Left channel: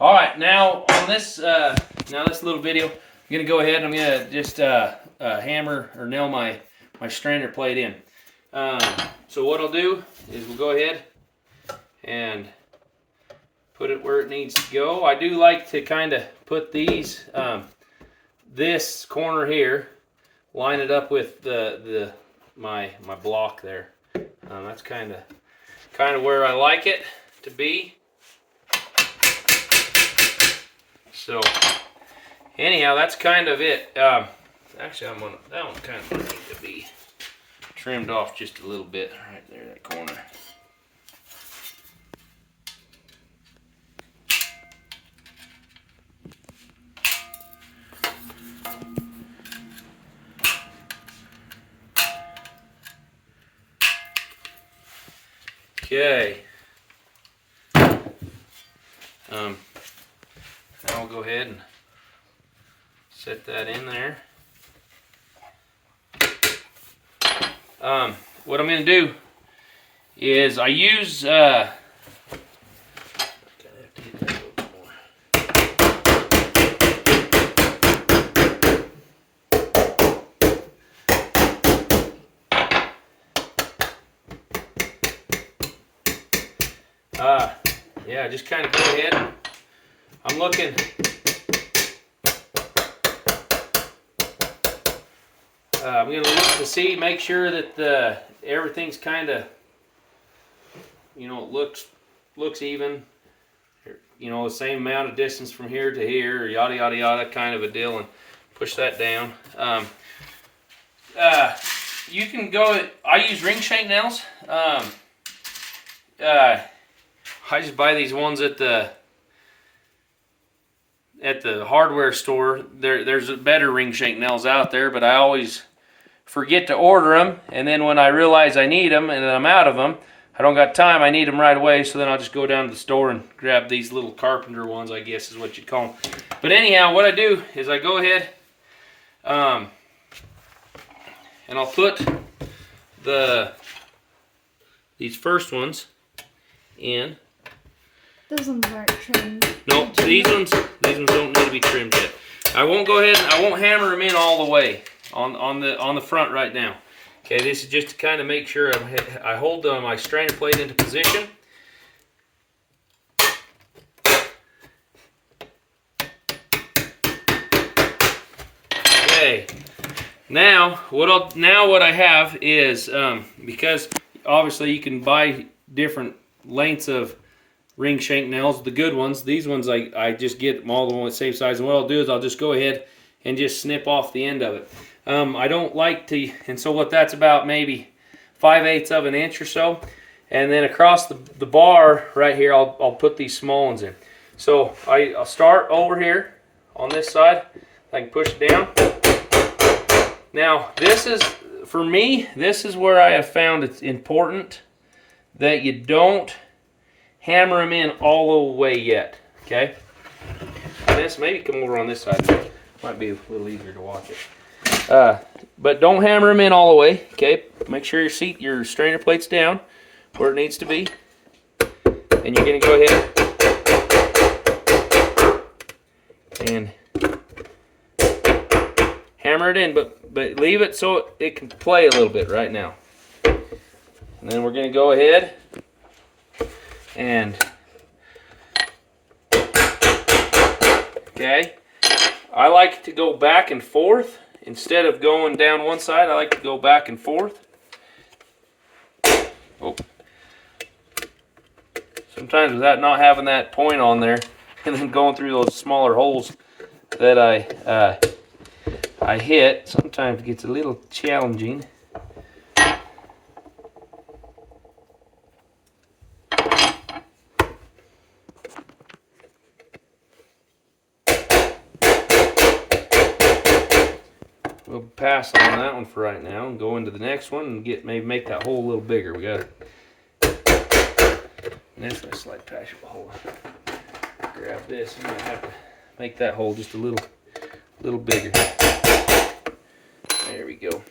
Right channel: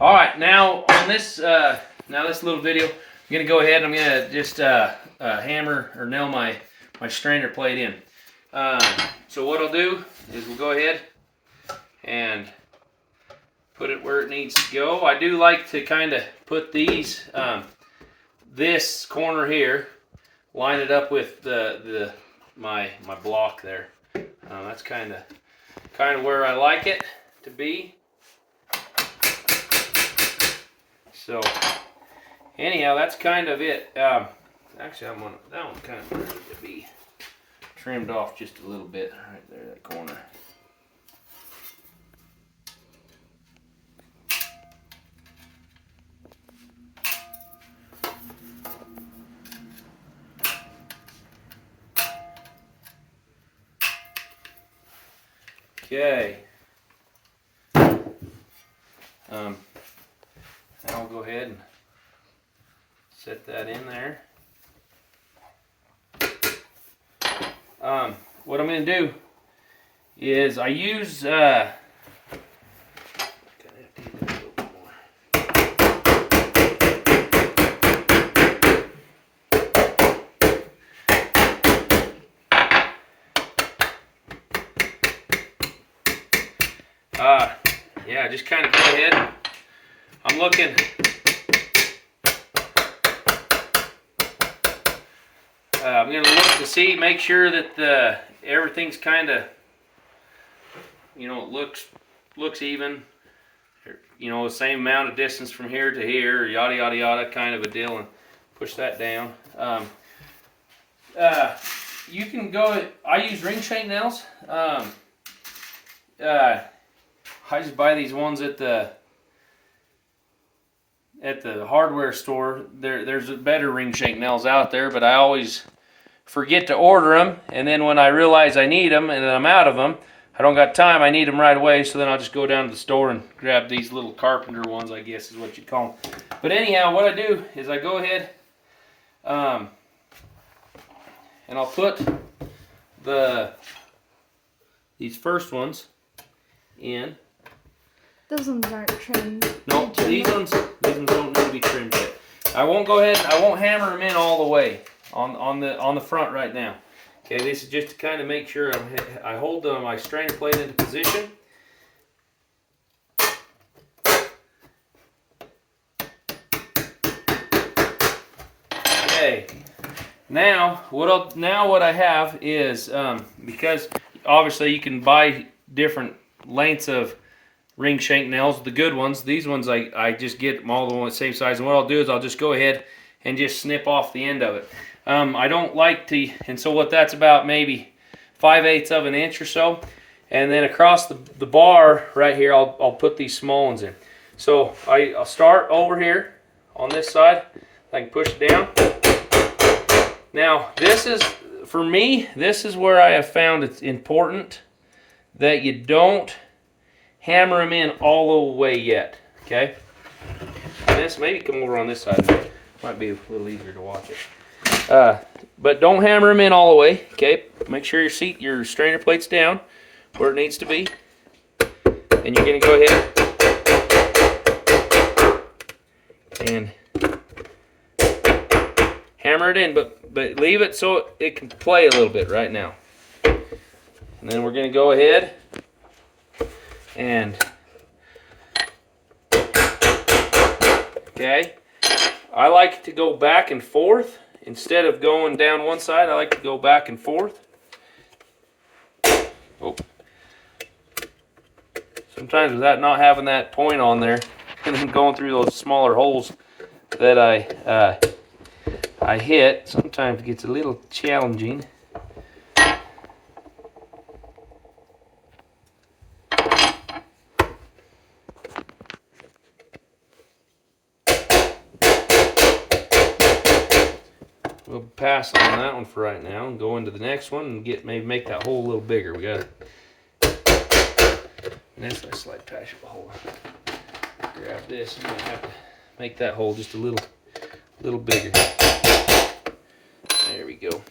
All right, now on this this little video, I'm gonna go ahead and I'm gonna just hammer or nail my strainer plate in. So what I'll do is we'll go ahead and put it where it needs to go. I do like to kind of put these this corner here, line it up with my block there. That's kind of where I like it to be. So anyhow, that's kind of it. Actually, that one kind of needs to be trimmed off just a little bit right there, that corner. Okay. I'll go ahead and set that in there. What I'm going to do is I use yeah, just kind of go ahead. I'm looking. I'm going to look to see, make sure that everything's kind of, looks even. The same amount of distance from here to here, yada yada yada, kind of a deal, and push that down. You can go. I use ring shank nails. I just buy these ones at the hardware store. There's better ring shank nails out there, but I always forget to order them, and then when I realize I need them and I'm out of them, I don't got time, I need them right away, so then I'll just go down to the store and grab these little carpenter ones, I guess is what you'd call them. But anyhow, what I do is I go ahead and I'll put these first ones in. Those ones aren't trimmed. Nope, these ones don't need to be trimmed yet. I won't go ahead and I won't hammer them in all the way on the front right now. Okay, this is just to kind of make sure I hold my strainer plate into position. Okay. Now what I have is because obviously you can buy different lengths of ring shank nails, the good ones. These ones I just get them all the same size, and what I'll do is I'll just go ahead and just snip off the end of it. I don't like to, and so what that's about maybe 5/8 of an inch or so, and then across the bar right here I'll put these small ones in. So I'll start over here on this side. I can push it down. Now this is, for me, this is where I have found it's important that you don't hammer them in all the way yet, okay? This maybe come over on this side. Might be a little easier to watch it. But don't hammer them in all the way, okay? Make sure your strainer plate's down where it needs to be, and you're gonna go ahead and hammer it in, but leave it so it can play a little bit right now. And then we're gonna go ahead and okay, I like to go back and forth instead of going down one side. I like to go back and forth. Oh. Sometimes with that not having that point on there and then going through those smaller holes that I hit, sometimes it gets a little challenging. We'll pass on that one for right now and go into the next one and maybe make that hole a little bigger. We got this. Let's slide past the hole. Grab this. I'm gonna have to make that hole just a little bigger. There we go.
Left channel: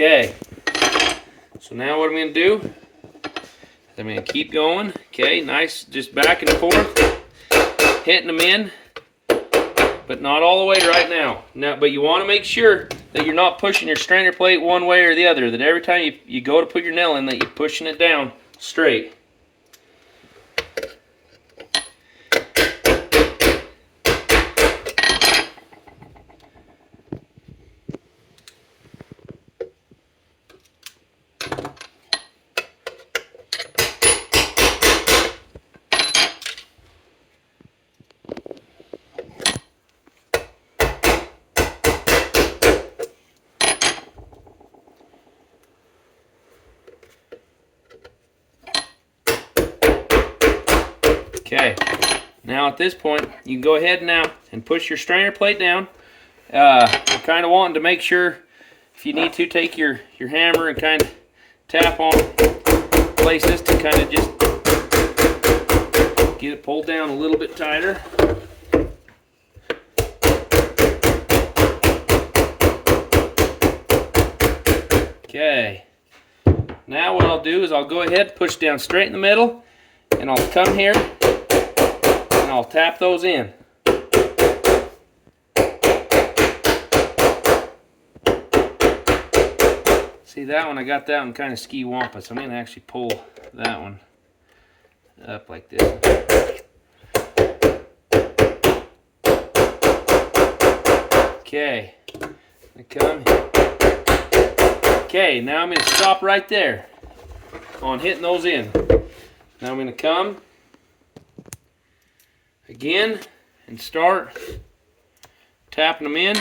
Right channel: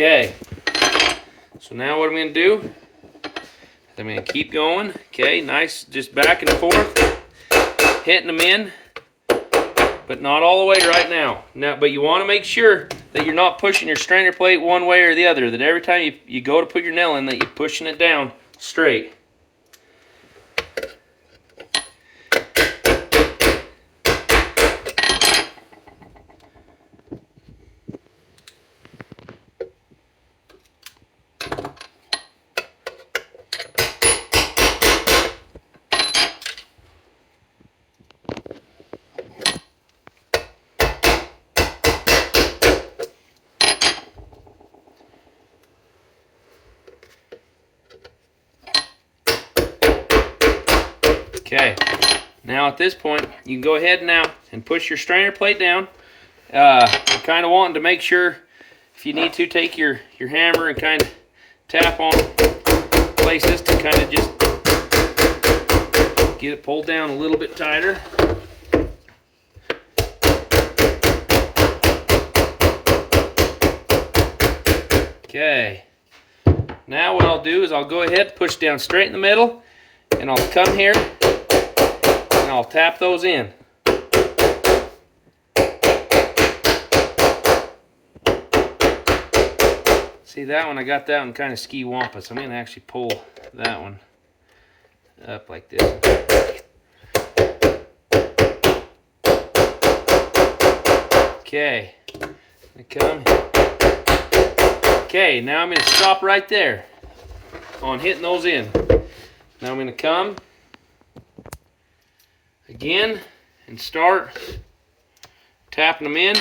Okay. So now what I'm going to do, I'm going to keep going. Okay, nice, just back and forth, hitting them in, but not all the way right now. But you want to make sure that you're not pushing your strainer plate one way or the other, that every time you go to put your nail in, that you're pushing it down straight. Okay, now at this point, you can go ahead now and push your strainer plate down. You're kind of wanting to make sure, if you need to, take your hammer and kind of tap on places to kind of just get it pulled down a little bit tighter. Okay, now what I'll do is I'll go ahead and push down straight in the middle, and I'll come here and I'll tap those in. See that one, I got that one kind of ski-wampus. I'm going to actually pull that one up like this. Okay, come. Okay, now I'm going to stop right there on hitting those in. Now I'm going to come again and start tapping them in.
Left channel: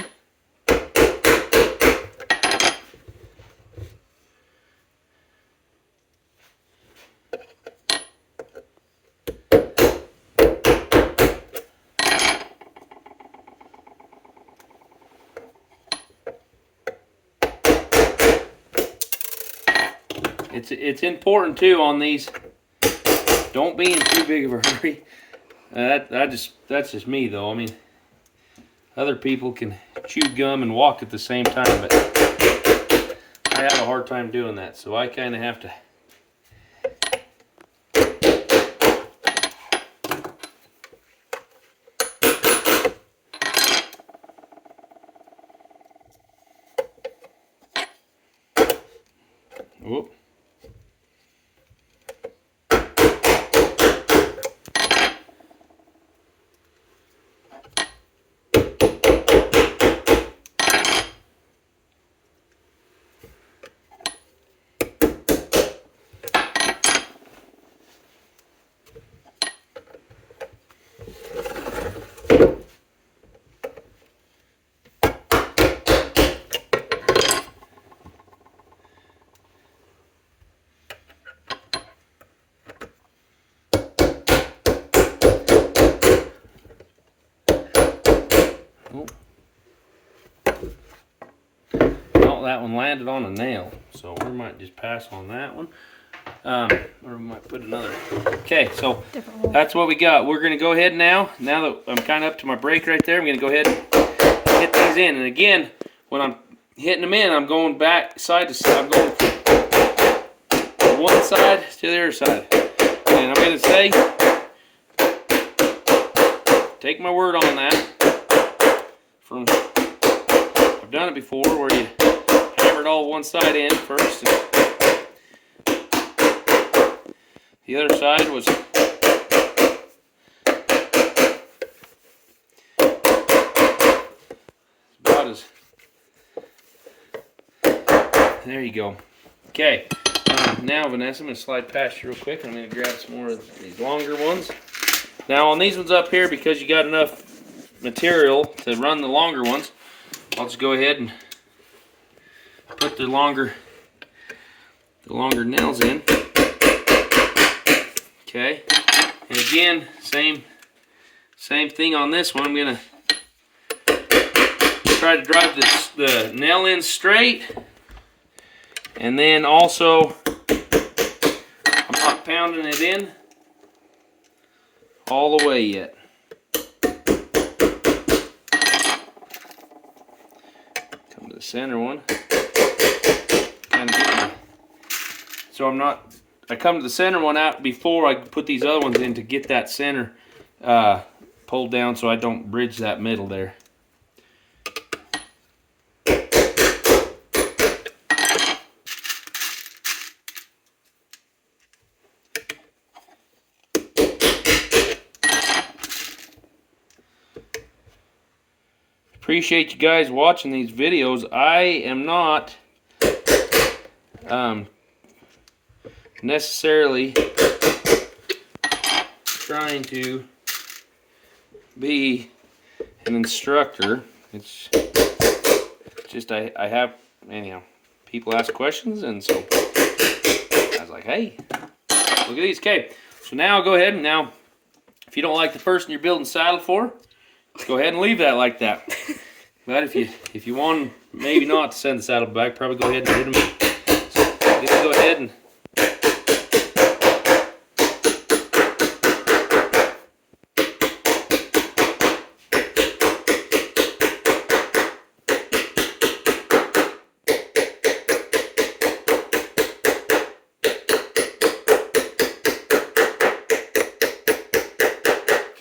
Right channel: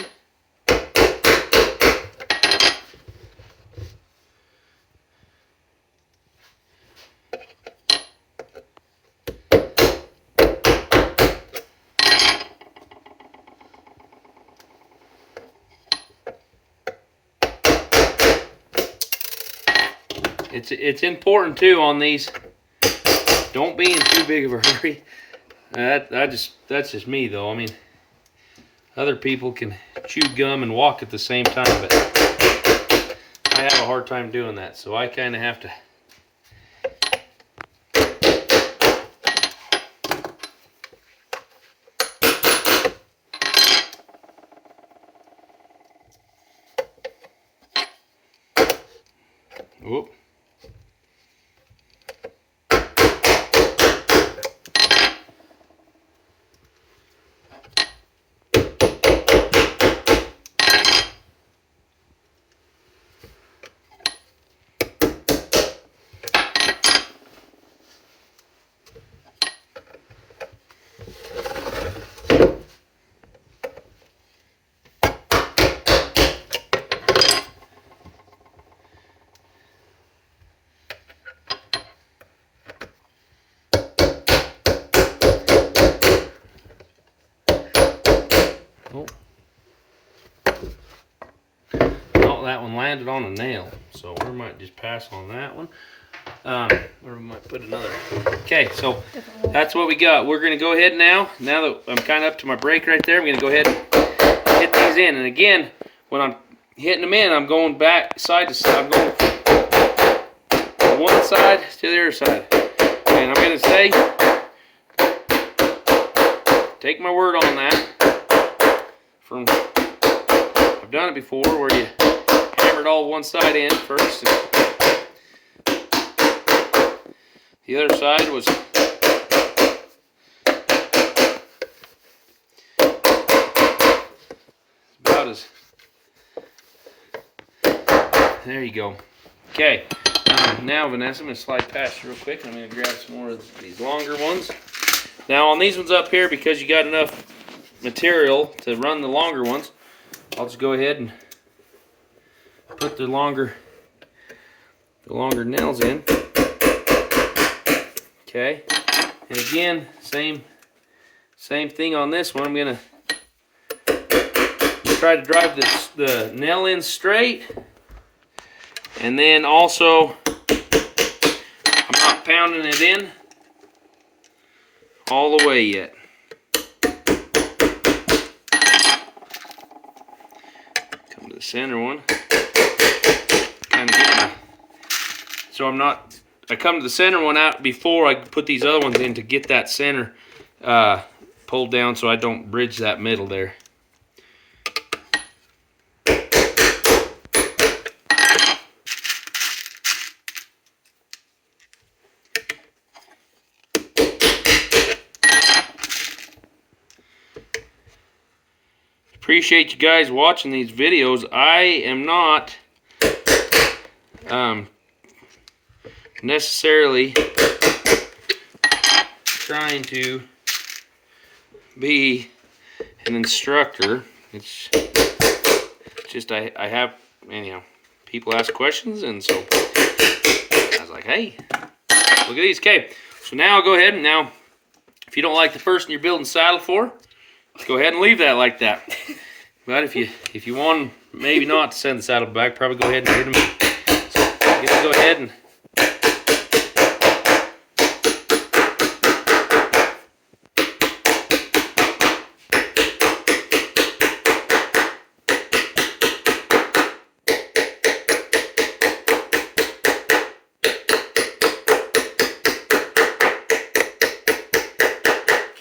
It's important too on these. Don't be in too big of a hurry. That's just me though. I mean, other people can chew gum and walk at the same time, but I have a hard time doing that, so I kind of have to. Whoop. Well, that one landed on a nail, so we might just pass on that one. Or we might put another. Okay, so that's what we got. We're going to go ahead now that I'm kind of up to my brake right there, I'm going to go ahead and hit these in. And again, when I'm hitting them in, I'm going back side to side. I'm going from one side to the other side. And I'm going to say, take my word on that. I've done it before where you hammered all one side in first. The other side was about as. There you go. Okay. Now, Vanessa, I'm going to slide past you real quick. I'm going to grab some more of these longer ones. Now, on these ones up here, because you got enough material to run the longer ones, I'll just go ahead and put the longer nails in. Okay, and again, same thing on this one. I'm gonna try to drive the nail in straight, and then also I'm not pounding it in all the way yet. Come to the center one. so I'm not, I come to the center one out before I put these other ones in to get that center pulled down so I don't bridge that middle there. Appreciate you guys watching these videos. I am not necessarily trying to be an instructor. It's just I have, anyhow, people ask questions, and so I was like, hey, look at these. Okay, so now I'll go ahead and now, if you don't like the person you're building saddle for, go ahead and leave that like that. But if you want maybe not to send the saddle back, probably go ahead and hit them. So I get to go ahead and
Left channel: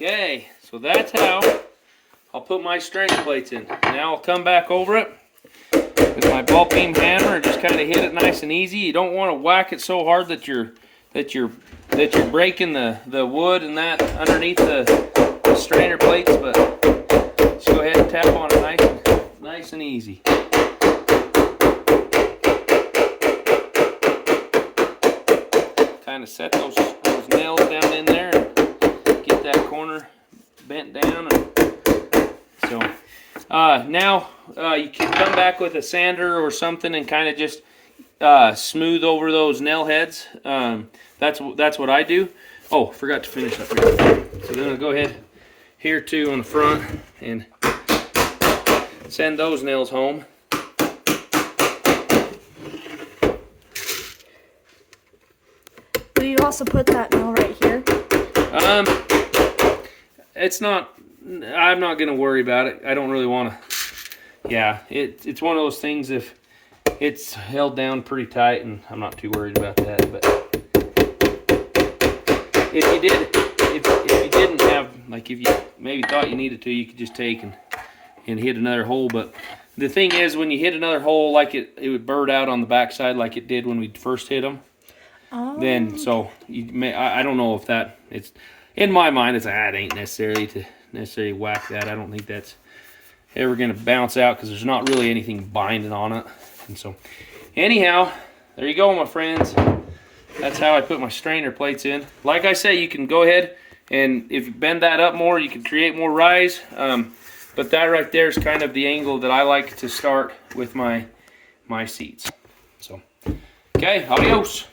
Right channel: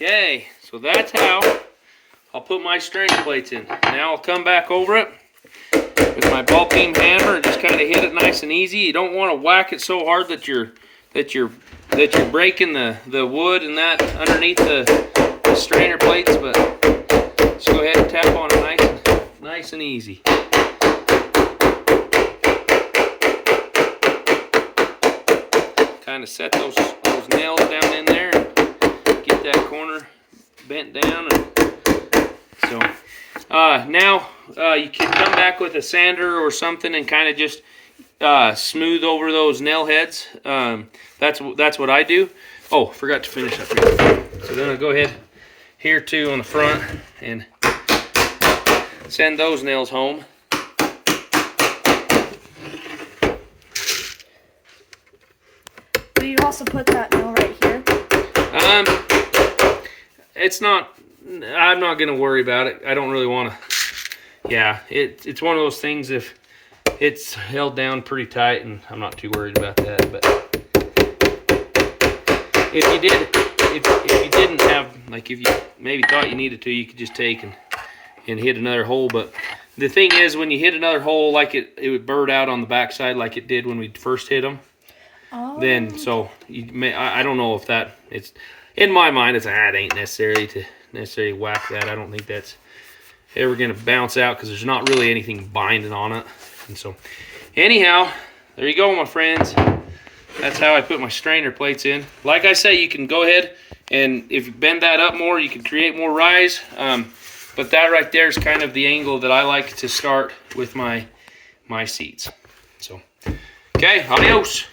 okay, so that's how I'll put my strainer plates in. Now I'll come back over it with my ball beam hammer and just kind of hit it nice and easy. You don't want to whack it so hard that you're breaking the wood and that underneath the strainer plates, but just go ahead and tap on it nice and easy. Kind of set those nails down in there and get that corner bent down. And so now you can come back with a sander or something and kind of just smooth over those nail heads. That's what I do. Oh, forgot to finish up here. So then I'll go ahead here too on the front and send those nails home. Will you also put that nail right here? It's not. I'm not gonna worry about it. I don't really want to. Yeah, it's one of those things. If it's held down pretty tight, and I'm not too worried about that. But if you didn't have, like, if you maybe thought you needed to, you could just take and hit another hole. But the thing is, when you hit another hole, like it would burn out on the backside, like it did when we first hit them. Oh. Then so you may. I don't know if that. It's in my mind. It's it ain't necessary to whack that. I don't think that's ever going to bounce out because there's not really anything binding on it. And so anyhow, there you go, my friends. That's how I put my strainer plates in. Like I say, you can go ahead and if you bend that up more, you can create more rise. But that right there is kind of the angle that I like to start with my seats. So okay, adios.